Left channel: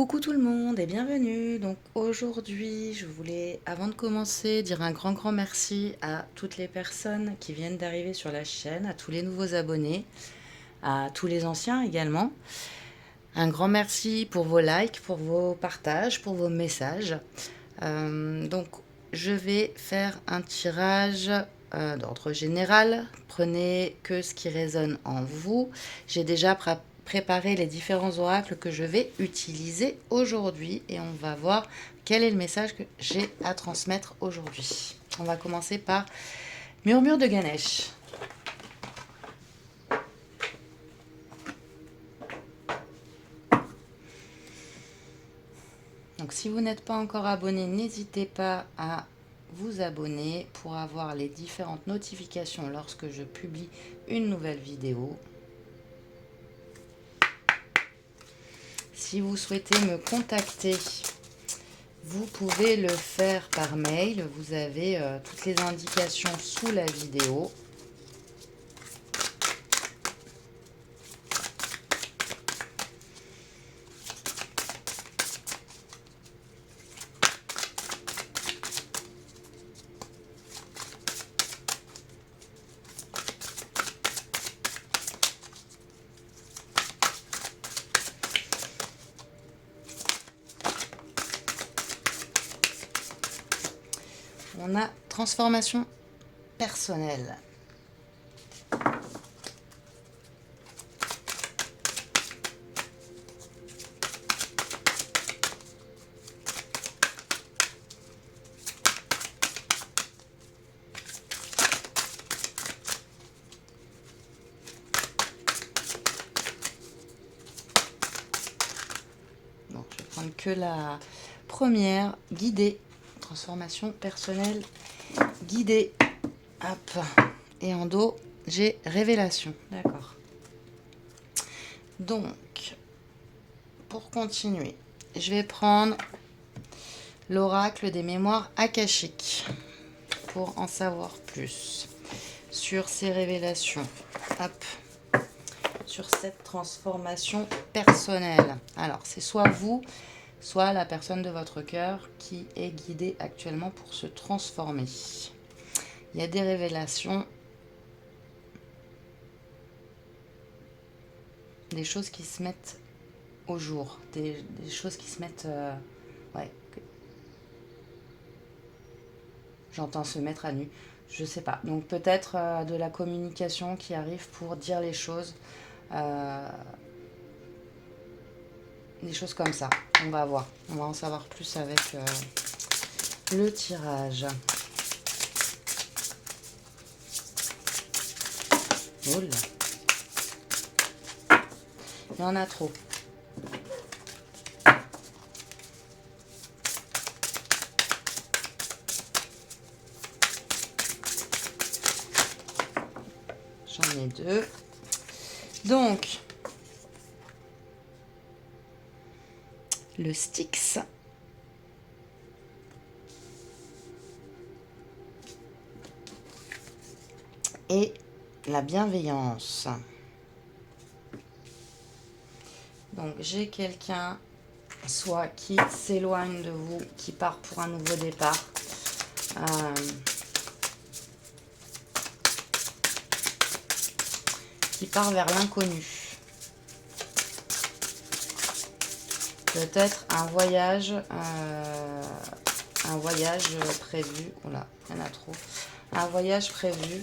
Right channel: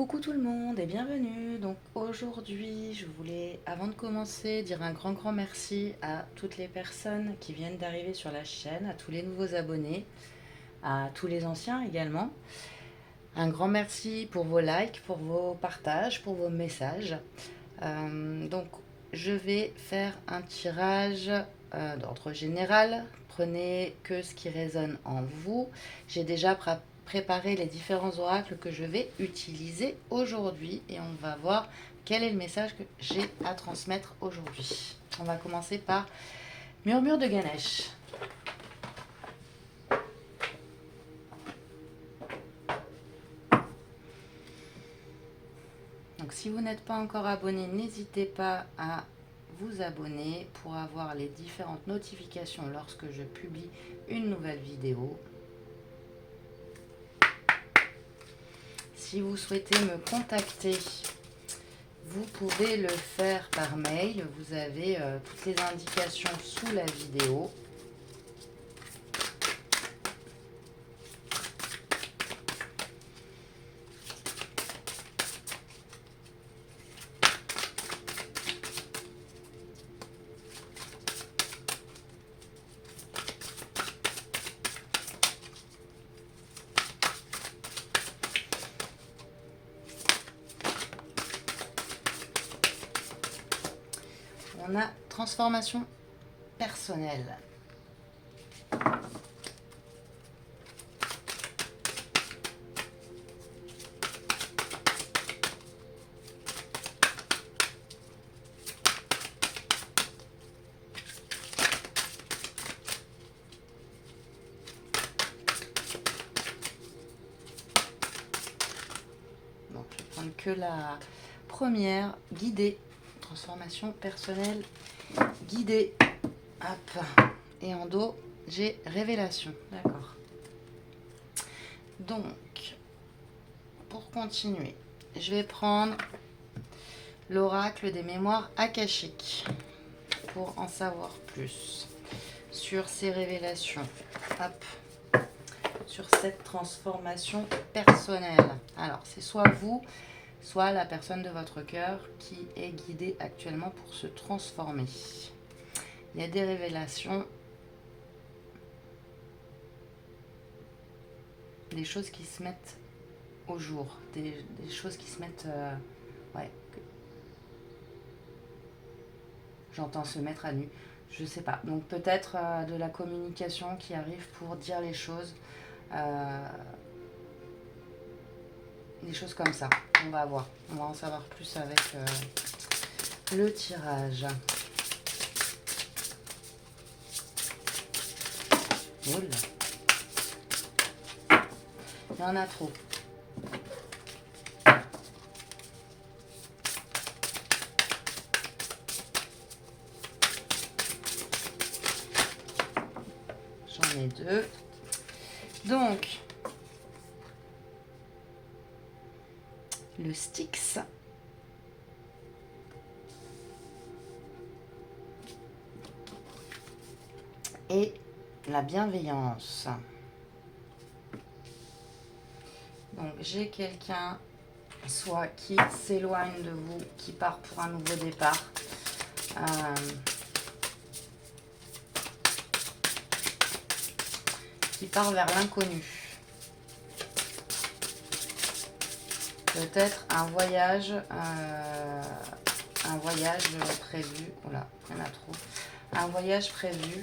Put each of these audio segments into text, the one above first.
Coucou tout le monde et bienvenue. Donc aujourd'hui, je voulais, avant de commencer, dire un grand merci à toutes les personnes qui viennent d'arriver sur la chaîne, à tous les nouveaux abonnés, à tous les anciens également. Un grand merci pour vos likes, pour vos partages, pour vos messages. Donc je vais faire un tirage d'ordre général. Prenez que ce qui résonne en vous. J'ai déjà préparé les différents oracles que je vais utiliser aujourd'hui et on va voir quel est le message que j'ai à transmettre aujourd'hui. On va commencer par Murmure de Ganesh. Donc si vous n'êtes pas encore abonné, n'hésitez pas à vous abonner pour avoir les différentes notifications lorsque je publie une nouvelle vidéo. Si vous souhaitez me contacter, vous pouvez le faire par mail. Vous avez toutes les indications sous la vidéo. On a transformation personnelle. Donc, je vais prendre que la première, guidée. Transformation personnelle guidée. Hop. Et en dos, j'ai révélation. D'accord. Donc, pour continuer, je vais prendre l'oracle des mémoires akashiques pour en savoir plus sur ces révélations. Hop. Sur cette transformation personnelle. Alors, c'est soit vous, soit la personne de votre cœur qui est guidée actuellement pour se transformer. Il y a des révélations, des choses qui se mettent au jour, des choses qui se mettent... ouais. J'entends se mettre à nu, je sais pas. Donc peut-être de la communication qui arrive pour dire les choses. Des choses comme ça. On va voir. On va en savoir plus avec le tirage. Oh là. Il y en a trop. J'en ai deux. Donc, le Styx. Et la bienveillance. Donc, j'ai quelqu'un, soit qui s'éloigne de vous, qui part pour un nouveau départ. Qui part vers l'inconnu. Peut-être un voyage prévu. Oula, il y en a trop. Un voyage prévu.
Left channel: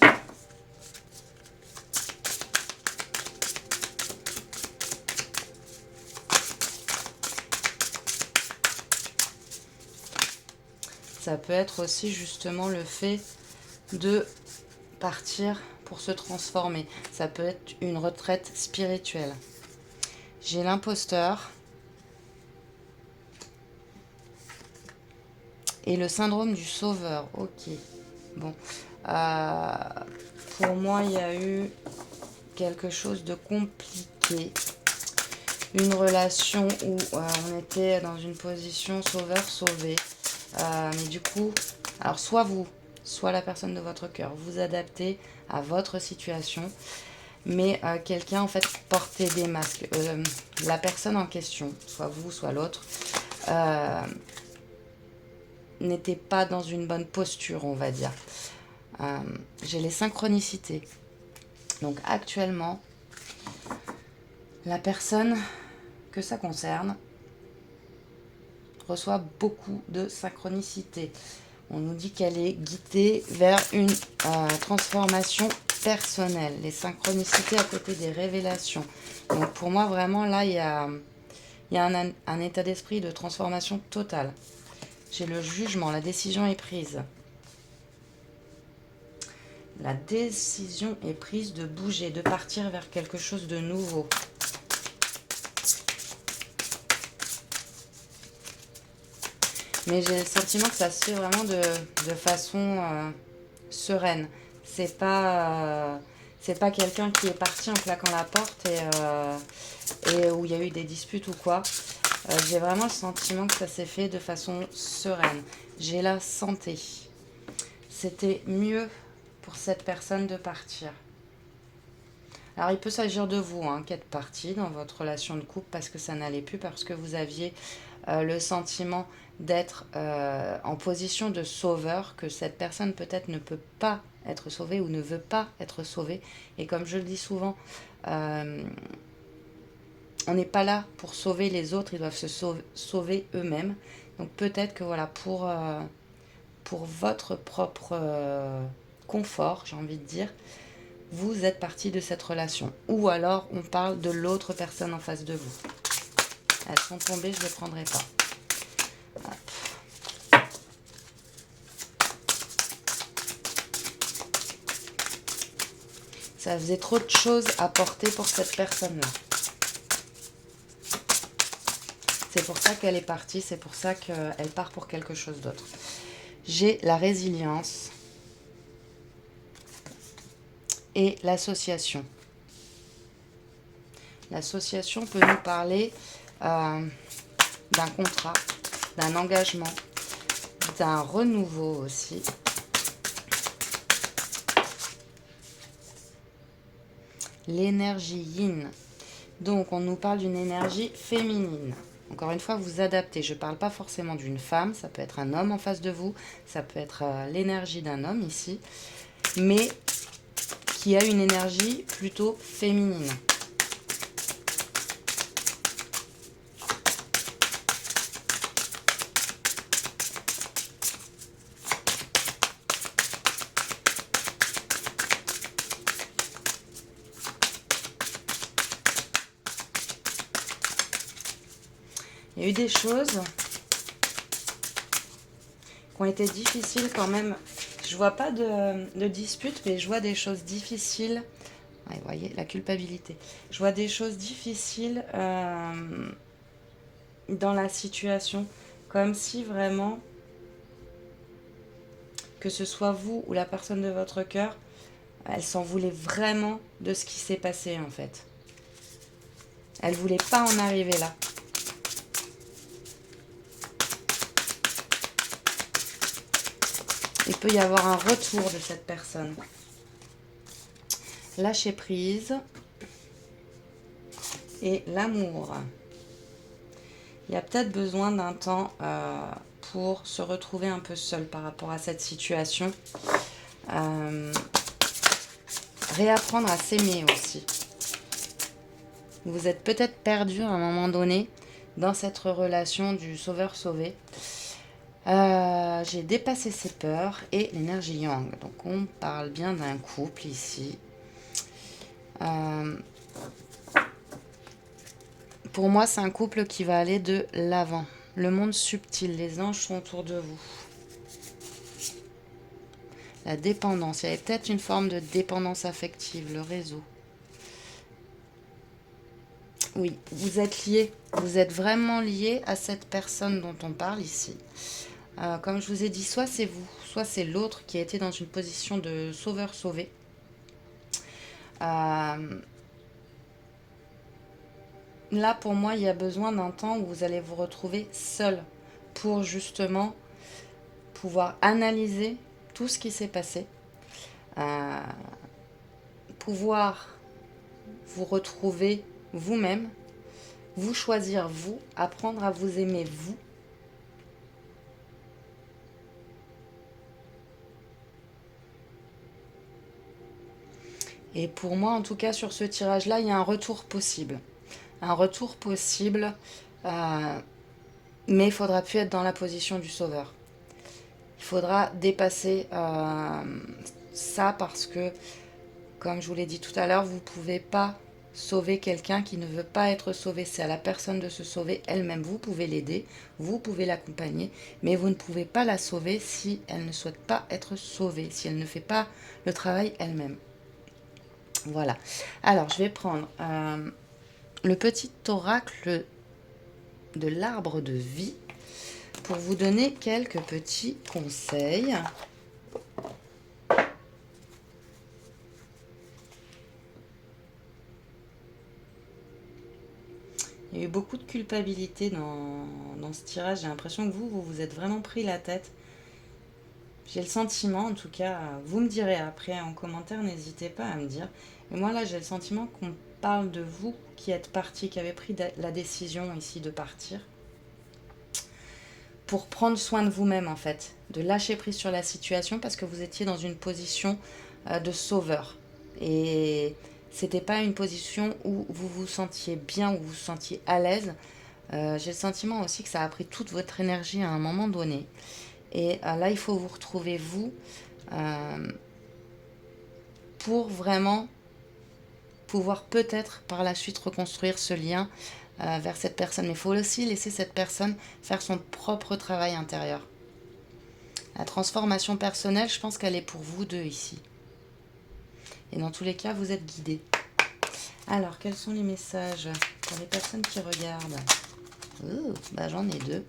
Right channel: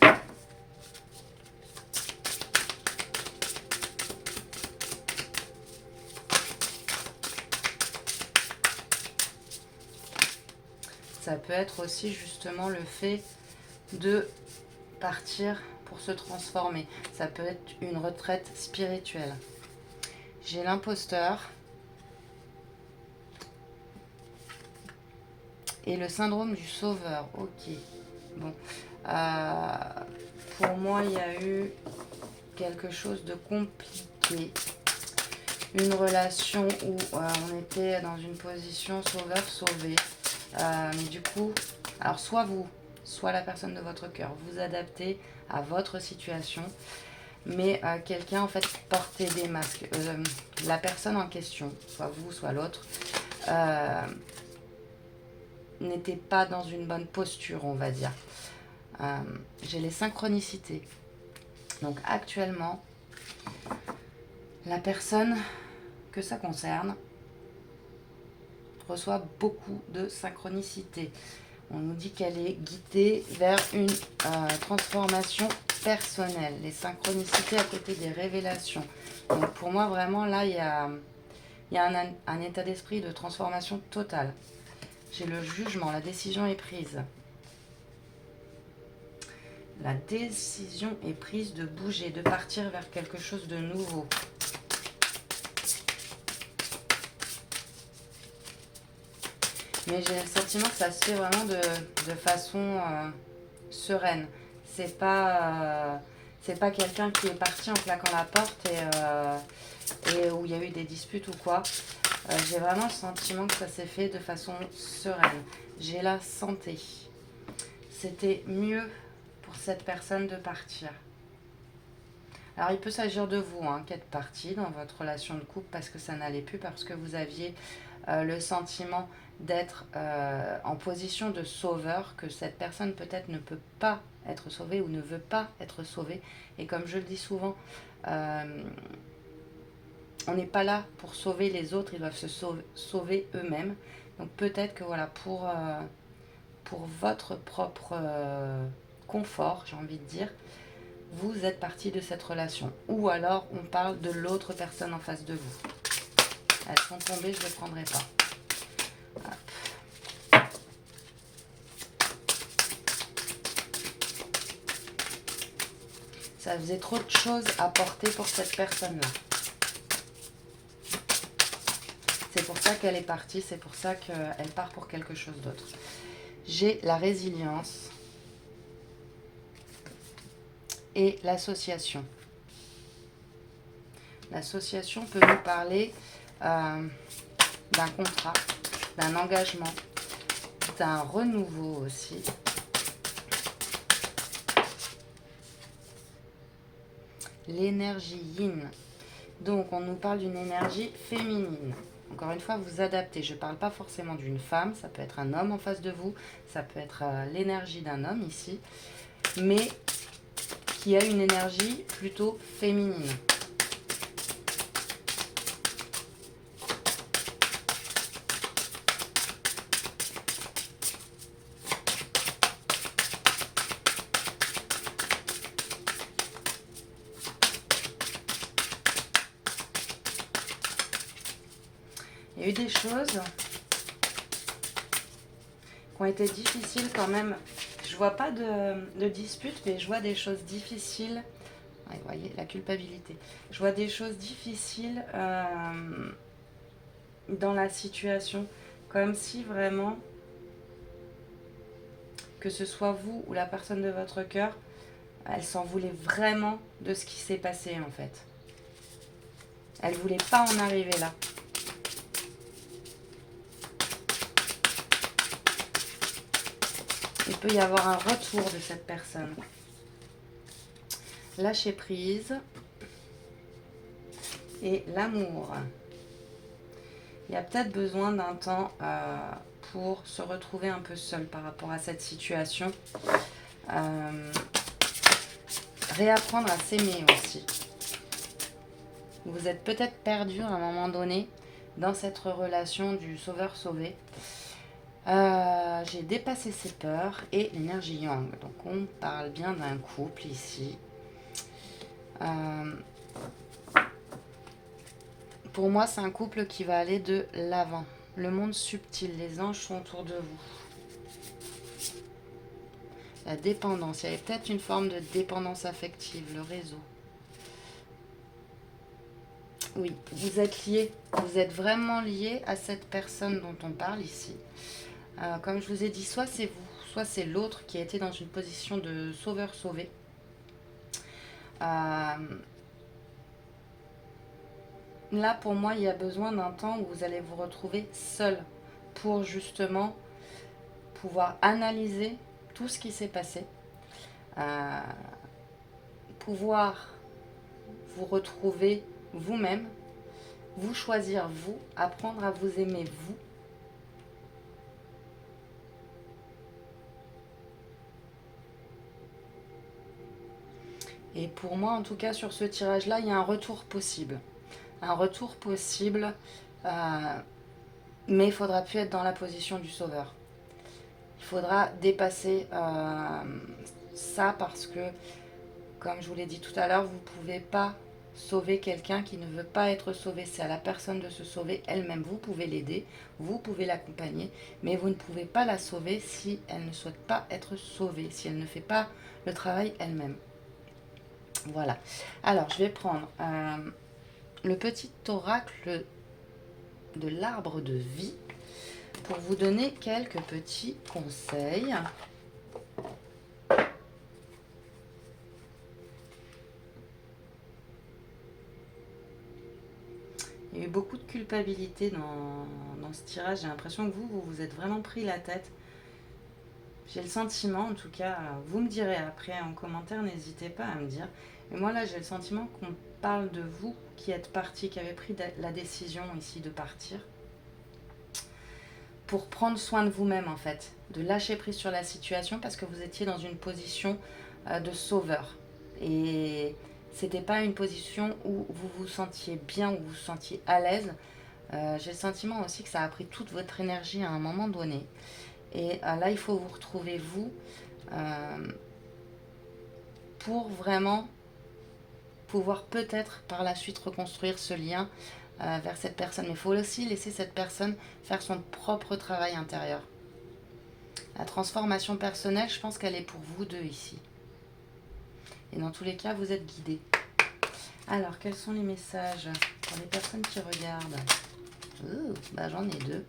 Ça peut être aussi justement le fait de partir pour se transformer. Ça peut être une retraite spirituelle. J'ai l'imposteur. Et le syndrome du sauveur. Ok. Bon. Pour moi, il y a eu quelque chose de compliqué. Une relation où on était dans une position sauveur-sauvé. Du coup, alors soit vous, soit la personne de votre cœur, vous adaptez à votre situation. mais quelqu'un en fait portait des masques. La personne en question, soit vous, soit l'autre, n'était pas dans une bonne posture, on va dire. J'ai les synchronicités. Donc actuellement, la personne que ça concerne reçoit beaucoup de synchronicité. On nous dit qu'elle est guidée vers une transformation personnelle. Les synchronicités à côté des révélations. Donc pour moi, vraiment, là, il y a un état d'esprit de transformation totale. J'ai le jugement, la décision est prise. La décision est prise de bouger, de partir vers quelque chose de nouveau. Mais j'ai le sentiment que ça se fait vraiment de façon sereine. C'est pas quelqu'un qui est parti en claquant la porte et où il y a eu des disputes ou quoi. J'ai vraiment le sentiment que ça s'est fait de façon sereine. J'ai la santé. C'était mieux pour cette personne de partir. Alors il peut s'agir de vous qui êtes parti dans votre relation de couple parce que ça n'allait plus, parce que vous aviez le sentiment d'être en position de sauveur, que cette personne peut-être ne peut pas être sauvée ou ne veut pas être sauvée. Et comme je le dis souvent, on n'est pas là pour sauver les autres, ils doivent se sauver eux-mêmes. Donc peut-être que voilà, pour votre propre confort, j'ai envie de dire, vous êtes parti de cette relation. Ou alors on parle de l'autre personne en face de vous. Elles sont tombées, je ne les prendrai pas. Ça faisait trop de choses à porter pour cette personne-là. C'est pour ça qu'elle est partie, c'est pour ça qu'elle part pour quelque chose d'autre. J'ai la résilience et l'association. L'association peut nous parler d'un contrat, d'un engagement, d'un renouveau aussi. L'énergie yin. Donc, on nous parle d'une énergie féminine. Encore une fois, vous adaptez. Je ne parle pas forcément d'une femme. Ça peut être un homme en face de vous. Ça peut être l'énergie d'un homme ici. Mais qui a une énergie plutôt féminine. Il y a eu des choses qui ont été difficiles quand même. Je vois pas de dispute, mais je vois des choses difficiles. Ouais, vous voyez, la culpabilité. Je vois des choses difficiles dans la situation. Comme si vraiment, que ce soit vous ou la personne de votre cœur, elle s'en voulait vraiment de ce qui s'est passé en fait. Elle voulait pas en arriver là. Il peut y avoir un retour de cette personne. Lâcher prise et l'amour. Il y a peut-être besoin d'un temps pour se retrouver un peu seul par rapport à cette situation. Réapprendre à s'aimer aussi. Vous êtes peut-être perdu à un moment donné dans cette relation du sauveur-sauvé. J'ai dépassé ses peurs et l'énergie yang. Donc on parle bien d'un couple ici. Pour moi, c'est un couple qui va aller de l'avant. Le monde subtil, les anges sont autour de vous. La dépendance, il y avait peut-être une forme de dépendance affective, le réseau. Oui, vous êtes liés. Vous êtes vraiment liés à cette personne dont on parle ici. Comme je vous ai dit, soit c'est vous, soit c'est l'autre qui a été dans une position de sauveur-sauvé. Là, pour moi, il y a besoin d'un temps où vous allez vous retrouver seul pour justement pouvoir analyser tout ce qui s'est passé, pouvoir vous retrouver vous-même, vous choisir vous, apprendre à vous aimer vous. Et pour moi, en tout cas, sur ce tirage-là, il y a un retour possible. Un retour possible, mais il faudra plus être dans la position du sauveur. Il faudra dépasser ça parce que, comme je vous l'ai dit tout à l'heure, vous ne pouvez pas sauver quelqu'un qui ne veut pas être sauvé. C'est à la personne de se sauver elle-même. Vous pouvez l'aider, vous pouvez l'accompagner, mais vous ne pouvez pas la sauver si elle ne souhaite pas être sauvée, si elle ne fait pas le travail elle-même. Voilà. Alors, je vais prendre le petit oracle de l'arbre de vie pour vous donner quelques petits conseils. Il y a eu beaucoup de culpabilité dans ce tirage. J'ai l'impression que vous vous êtes vraiment pris la tête. J'ai le sentiment, en tout cas, vous me direz après en commentaire, n'hésitez pas à me dire. Et moi là, j'ai le sentiment qu'on parle de vous qui êtes parti, qui avez pris la décision ici de partir. Pour prendre soin de vous-même en fait, de lâcher prise sur la situation parce que vous étiez dans une position de sauveur. Et c'était pas une position où vous vous sentiez bien, où vous vous sentiez à l'aise. J'ai le sentiment aussi que ça a pris toute votre énergie à un moment donné. Et là, il faut vous retrouver vous pour vraiment pouvoir peut-être par la suite reconstruire ce lien vers cette personne. Mais il faut aussi laisser cette personne faire son propre travail intérieur. La transformation personnelle, je pense qu'elle est pour vous deux ici. Et dans tous les cas, vous êtes guidés. Alors, quels sont les messages pour les personnes qui regardent? J'en ai deux.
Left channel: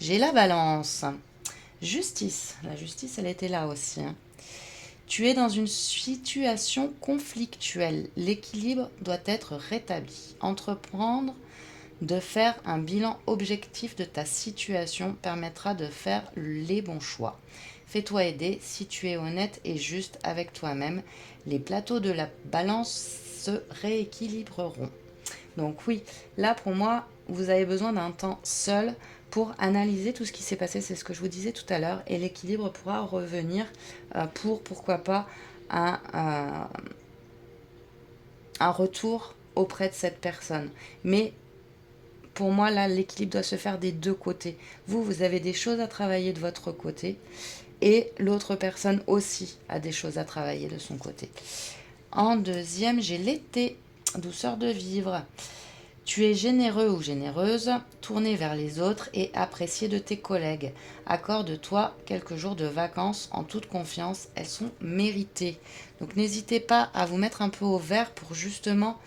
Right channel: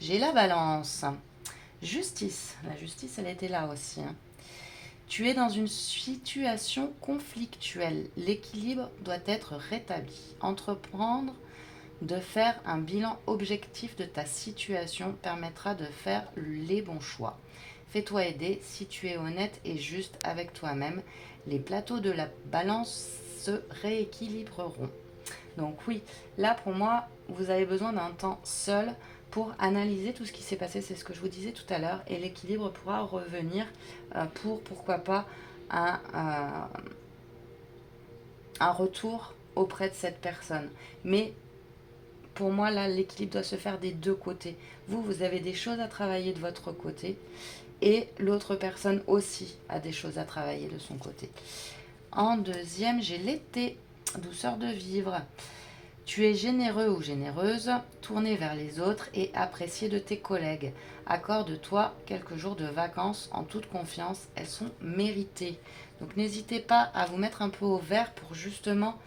J'ai la balance. Justice. La justice, elle était là aussi. Tu es dans une situation conflictuelle. L'équilibre doit être rétabli. Entreprendre de faire un bilan objectif de ta situation permettra de faire les bons choix. Fais-toi aider si tu es honnête et juste avec toi-même. Les plateaux de la balance se rééquilibreront. Donc oui, là pour moi, vous avez besoin d'un temps seul pour analyser tout ce qui s'est passé, c'est ce que je vous disais tout à l'heure, et l'équilibre pourra revenir pour, pourquoi pas, un retour auprès de cette personne. Mais pour moi, là, l'équilibre doit se faire des deux côtés. Vous avez des choses à travailler de votre côté, et l'autre personne aussi a des choses à travailler de son côté. En deuxième, j'ai l'été, douceur de vivre. Tu es généreux ou généreuse, tourné vers les autres et apprécié de tes collègues. Accorde-toi quelques jours de vacances en toute confiance, elles sont méritées. Donc n'hésitez pas à vous mettre un peu au vert pour justement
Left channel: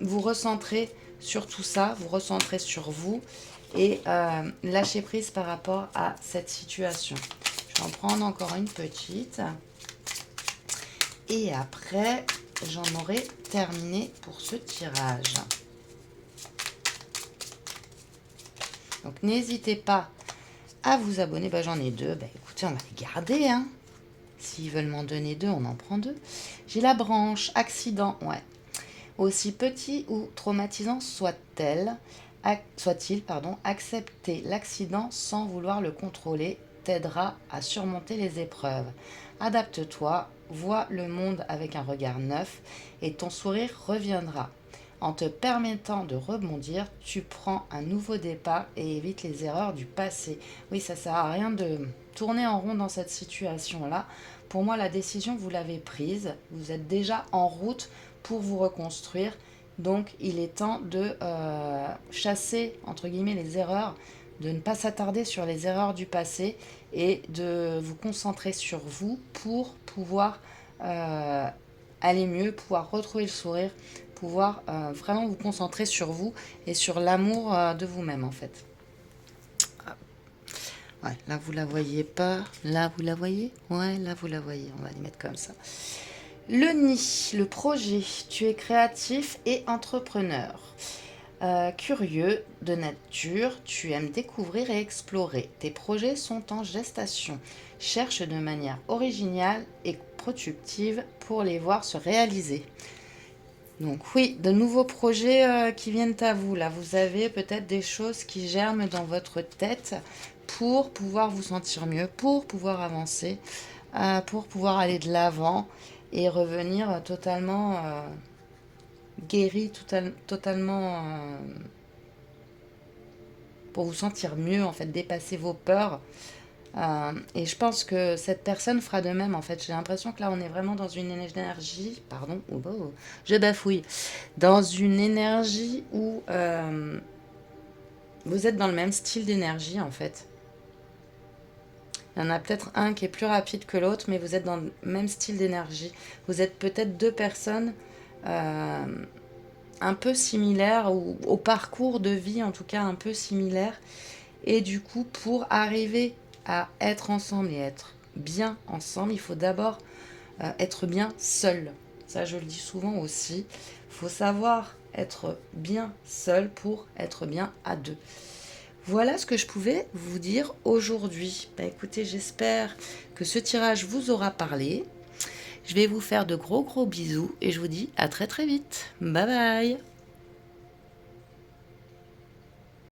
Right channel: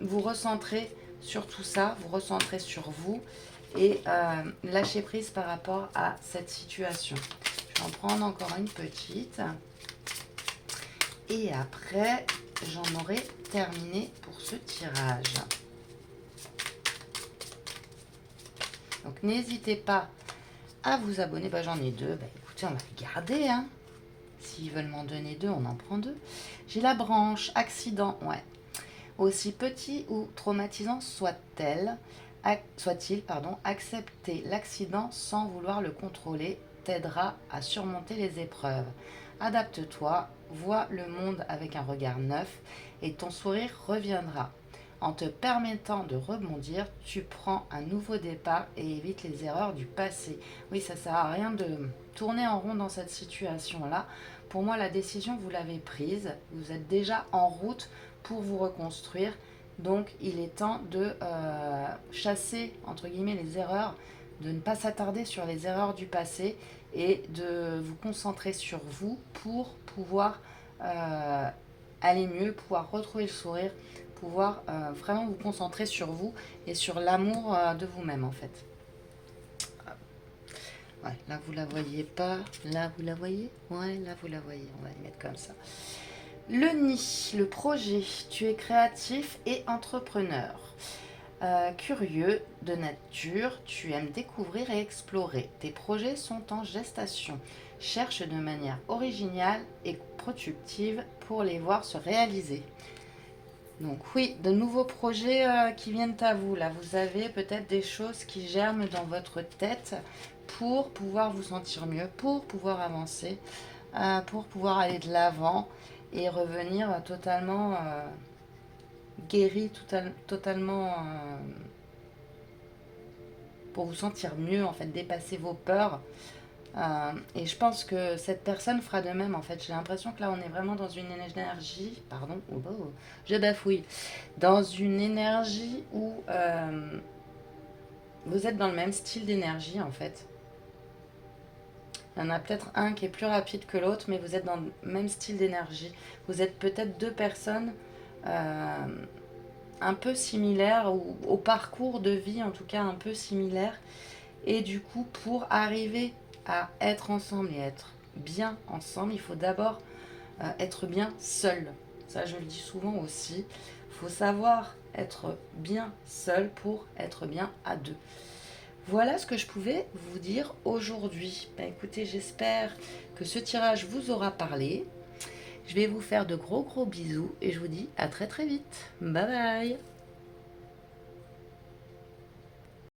vous recentrer sur tout ça, vous recentrer sur vous et lâcher prise par rapport à cette situation. Je vais en prendre encore une petite. Et après, j'en aurai terminé pour ce tirage. Donc n'hésitez pas à vous abonner. J'en ai deux. Écoutez, on va les garder. S'ils veulent m'en donner deux, on en prend deux. J'ai la branche accident. Ouais. Aussi petit ou traumatisant soit-il, accepter l'accident sans vouloir le contrôler t'aidera à surmonter les épreuves. Adapte-toi, vois le monde avec un regard neuf et ton sourire reviendra. En te permettant de rebondir, tu prends un nouveau départ et évites les erreurs du passé. Oui, ça ne sert à rien de tourner en rond dans cette situation-là. Pour moi, la décision, vous l'avez prise. Vous êtes déjà en route pour vous reconstruire. Donc, il est temps de chasser, entre guillemets, les erreurs, de ne pas s'attarder sur les erreurs du passé et de vous concentrer sur vous pour pouvoir aller mieux, pouvoir retrouver le sourire, pouvoir vraiment vous concentrer sur vous et sur l'amour de vous-même en fait. Ouais, là vous la voyez pas, là vous la voyez, ouais, là vous la voyez, on va les mettre comme ça. Le nid, le projet, tu es créatif et entrepreneur. Curieux de nature, tu aimes découvrir et explorer. Tes projets sont en gestation. Cherche de manière originale et productives pour les voir se réaliser. Donc oui, de nouveaux projets qui viennent à vous. Là, vous avez peut-être des choses qui germent dans votre tête pour pouvoir vous sentir mieux, pour pouvoir avancer, pour pouvoir aller de l'avant et revenir totalement guéri, totalement pour vous sentir mieux, en fait, dépasser vos peurs. Et je pense que cette personne fera de même, en fait. J'ai l'impression que là, on est vraiment dans une énergie, pardon, je bafouille, dans une énergie où vous êtes dans le même style d'énergie, en fait. Il y en a peut-être un qui est plus rapide que l'autre, mais vous êtes dans le même style d'énergie. Vous êtes peut-être deux personnes un peu similaires, ou au parcours de vie en tout cas un peu similaires. Et du coup, pour arriver à être ensemble et être bien ensemble, il faut d'abord être bien seul. Ça, je le dis souvent aussi. Il faut savoir être bien seul pour être bien à deux. Voilà ce que je pouvais vous dire aujourd'hui. Bah, écoutez, j'espère que ce tirage vous aura parlé. Je vais vous faire de gros bisous et je vous dis à très vite. Bye bye.